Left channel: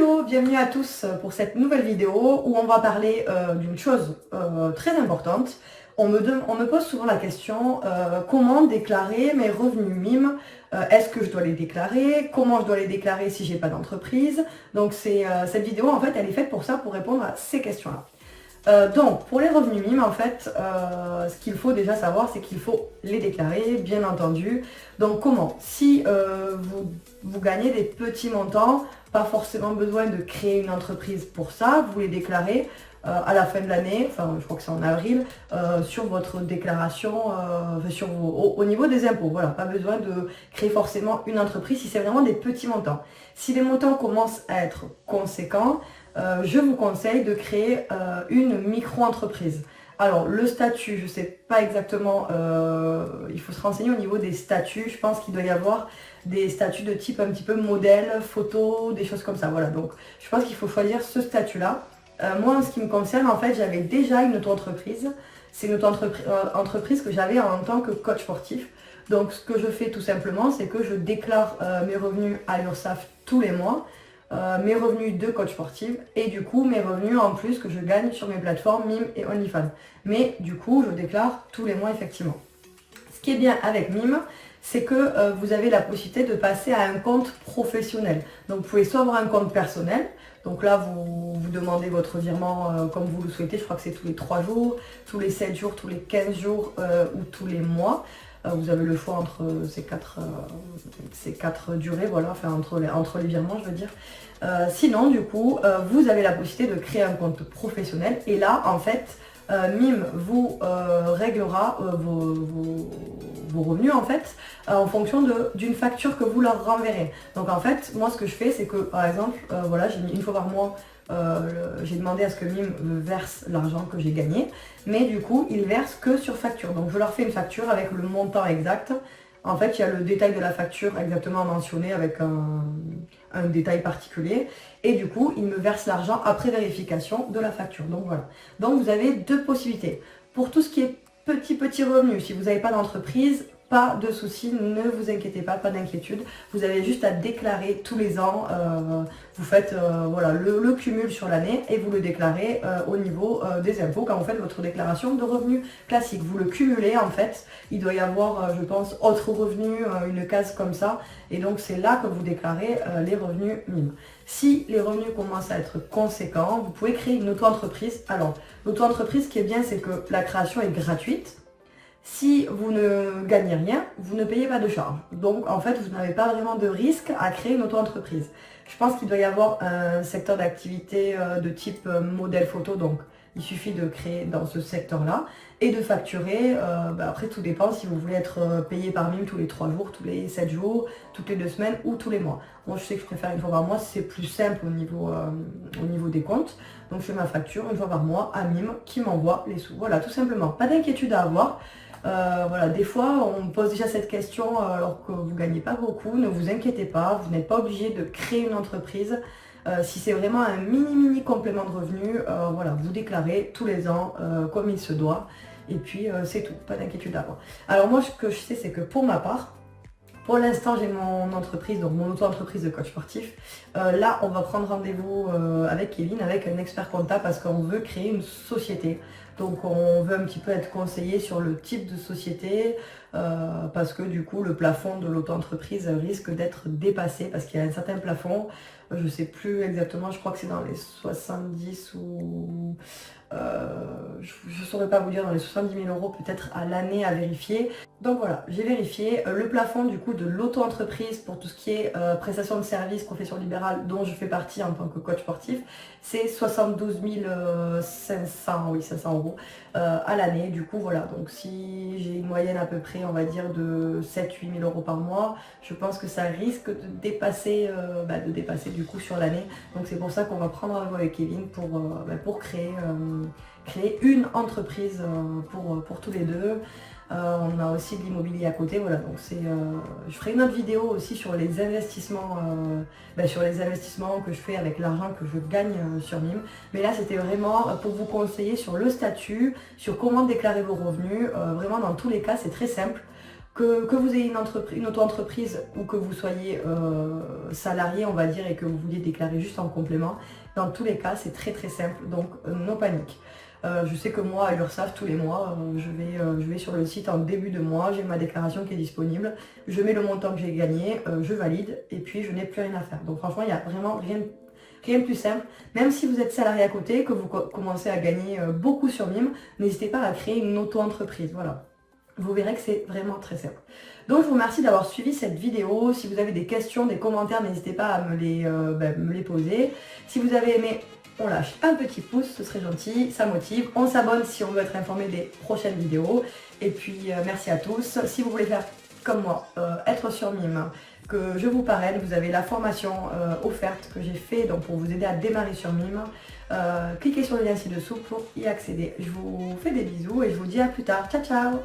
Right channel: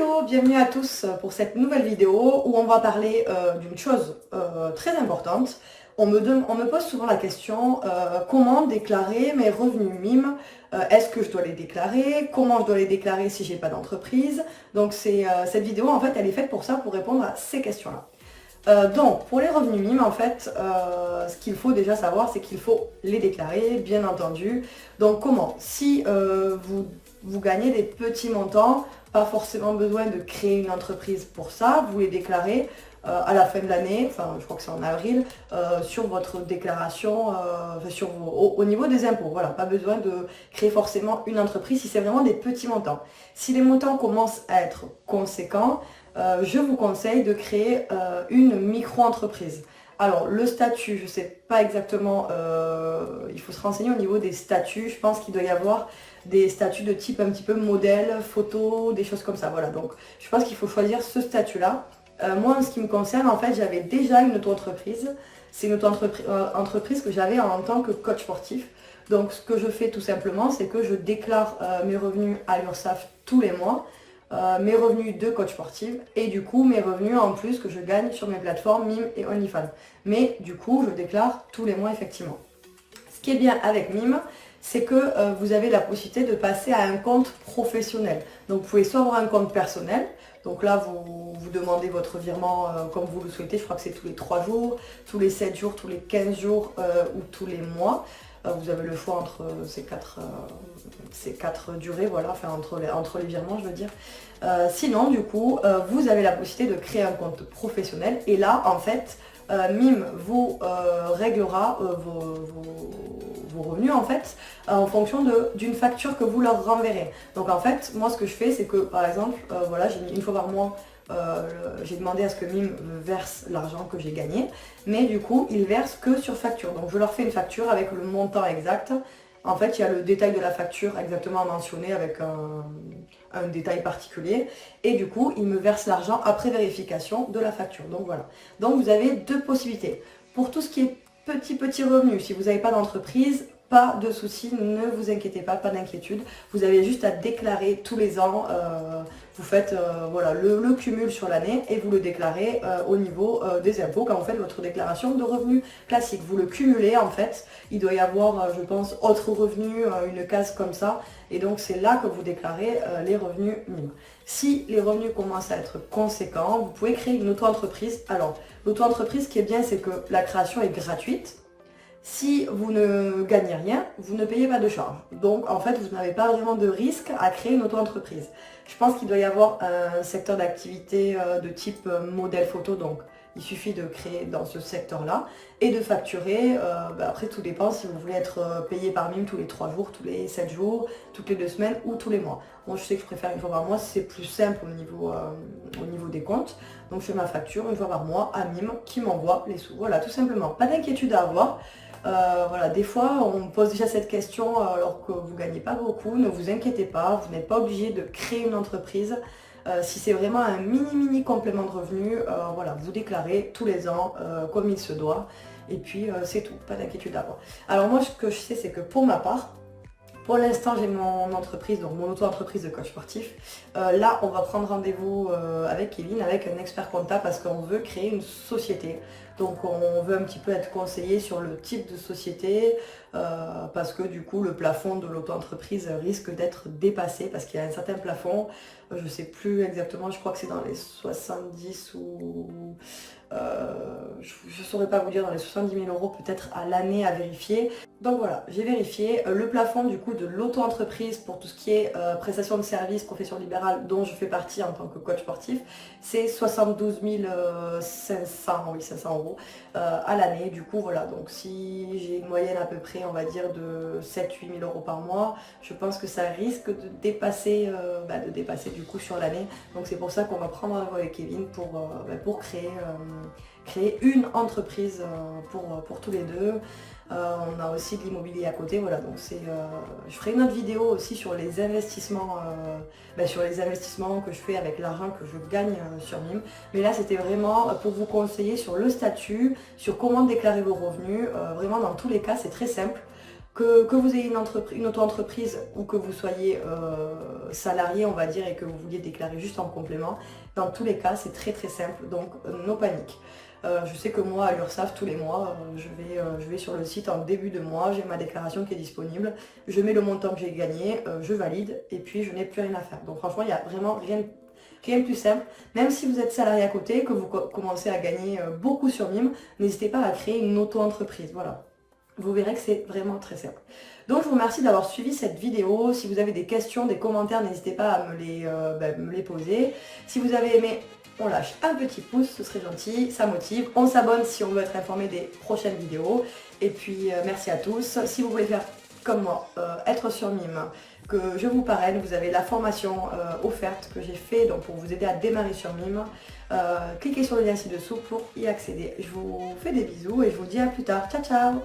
Hello, bienvenue à tous pour cette nouvelle vidéo où on va parler d'une chose très importante. On me pose souvent la question comment déclarer mes revenus MIM. Est-ce que je dois les déclarer? Comment je dois les déclarer si j'ai pas d'entreprise? Donc cette vidéo en fait elle est faite pour ça, pour répondre à ces questions-là. Donc pour les revenus MIM en fait, ce qu'il faut déjà savoir c'est qu'il faut les déclarer bien entendu. Donc comment? Si vous gagnez des petits montants, pas forcément besoin de créer une entreprise pour ça, vous les déclarez à la fin de l'année, enfin je crois que c'est en avril, sur votre déclaration, au niveau des impôts. Voilà, pas besoin de créer forcément une entreprise si c'est vraiment des petits montants. Si les montants commencent à être conséquents, je vous conseille de créer une micro-entreprise. Alors le statut, je ne sais pas exactement, il faut se renseigner au niveau des statuts. Je pense qu'il doit y avoir des statuts de type un petit peu modèle, photo, des choses comme ça. Voilà, donc je pense qu'il faut choisir ce statut-là. Moi, en ce qui me concerne, en fait, j'avais déjà une auto-entreprise. C'est une auto-entreprise que j'avais en tant que coach sportif. Donc ce que je fais tout simplement, c'est que je déclare mes revenus à l'URSSAF tous les mois. Mes revenus de coach sportif et du coup mes revenus en plus que je gagne sur mes plateformes MIM et OnlyFans. Mais du coup je déclare tous les mois effectivement. Ce qui est bien avec MIM, c'est que vous avez la possibilité de passer à un compte professionnel. Donc vous pouvez soit avoir un compte personnel, donc là vous demandez votre virement comme vous le souhaitez, je crois que c'est tous les 3 jours, tous les 7 jours, tous les 15 jours ou tous les mois. Vous avez le choix entre ces quatre durées, voilà, enfin entre les virements je veux dire. Sinon du coup vous avez la possibilité de créer un compte professionnel et là en fait MIM vous réglera vos revenus en fait en fonction d'une facture que vous leur renverrez. Donc en fait moi ce que je fais c'est que par exemple voilà, j'ai mis une fois par mois, j'ai demandé à ce que MIM me verse l'argent que j'ai gagné, mais du coup ils versent que sur facture. Donc je leur fais une facture avec le montant exact. En fait il y a le détail de la facture exactement mentionné avec un détail particulier et du coup ils me versent l'argent après vérification de la facture. Donc voilà, donc vous avez deux possibilités. Pour tout ce qui est petits revenus, si vous n'avez pas d'entreprise, pas de souci, ne vous inquiétez pas, pas d'inquiétude. Vous avez juste à déclarer tous les ans, vous faites voilà, le cumul sur l'année et vous le déclarez au niveau des impôts quand vous faites votre déclaration de revenus classique. Vous le cumulez en fait, il doit y avoir je pense autres revenus, une case comme ça et donc c'est là que vous déclarez les revenus MIM. Si les revenus commencent à être conséquents, vous pouvez créer une auto-entreprise. Alors l'auto-entreprise, ce qui est bien, c'est que la création est gratuite. Si vous ne gagnez rien, vous ne payez pas de charge. Donc en fait, vous n'avez pas vraiment de risque à créer une auto-entreprise. Je pense qu'il doit y avoir un secteur d'activité de type modèle photo, donc il suffit de créer dans ce secteur-là et de facturer. Après, tout dépend si vous voulez être payé par MIM tous les 3 jours, tous les 7 jours, toutes les 2 semaines ou tous les mois. Moi, je sais que je préfère une fois par mois, c'est plus simple au niveau des comptes. Donc je fais ma facture une fois par mois à MIM qui m'envoie les sous. Voilà, tout simplement. Pas d'inquiétude à avoir. Voilà, des fois on me pose déjà cette question alors que vous ne gagnez pas beaucoup, ne vous inquiétez pas, vous n'êtes pas obligé de créer une entreprise. Si c'est vraiment un mini complément de revenu, voilà, vous déclarez tous les ans comme il se doit et puis c'est tout, pas d'inquiétude à avoir. Alors moi ce que je sais c'est que pour ma part, pour l'instant, j'ai mon entreprise, donc mon auto-entreprise de coach sportif. Là, on va prendre rendez-vous avec Kevin, avec un expert comptable, parce qu'on veut créer une société. Donc, on veut un petit peu être conseillé sur le type de société, parce que du coup, le plafond de l'auto-entreprise risque d'être dépassé, parce qu'il y a un certain plafond. Je ne sais plus exactement, je crois que c'est dans les 70 ou... je ne saurais pas vous dire, dans les 70 000 euros peut-être à l'année à vérifier. Donc voilà, j'ai vérifié le plafond du coup de l'auto-entreprise pour tout ce qui est prestation de services, profession libérale dont je fais partie en tant que coach sportif, c'est 72 500, oui 500 euros à l'année. Du coup voilà, donc si j'ai une moyenne à peu près on va dire de 7-8 000 euros par mois, je pense que ça risque de dépasser du coup sur l'année. Donc c'est pour ça qu'on va prendre rendez-vous avec Kevin pour créer une entreprise pour tous les deux. On a aussi de l'immobilier à côté, voilà, donc je ferai une autre vidéo aussi sur les investissements que je fais avec l'argent que je gagne sur MIM. Mais là c'était vraiment pour vous conseiller sur le statut, sur comment déclarer vos revenus. Vraiment dans tous les cas c'est très simple. Que vous ayez une auto-entreprise ou que vous soyez salarié, on va dire, et que vous vouliez déclarer juste en complément, dans tous les cas, c'est très très simple, donc no panique. Je sais que moi, à l'URSSAF, tous les mois, je vais sur le site en début de mois, j'ai ma déclaration qui est disponible, je mets le montant que j'ai gagné, je valide, et puis je n'ai plus rien à faire. Donc franchement, il n'y a vraiment rien de plus simple. Même si vous êtes salarié à côté, que vous commencez à gagner beaucoup sur Mime, n'hésitez pas à créer une auto-entreprise, voilà. Vous verrez que c'est vraiment très simple. Donc je vous remercie d'avoir suivi cette vidéo. Si vous avez des questions, des commentaires, n'hésitez pas à me les poser. Si vous avez aimé, on lâche un petit pouce, ce serait gentil, ça motive. On s'abonne si on veut être informé des prochaines vidéos. Et puis merci à tous. Si vous voulez faire comme moi, être sur Mime, que je vous parraine, vous avez la formation offerte que j'ai fait donc pour vous aider à démarrer sur Mime. Cliquez sur le lien ci-dessous pour y accéder. Je vous fais des bisous et je vous dis à plus tard. Ciao ciao.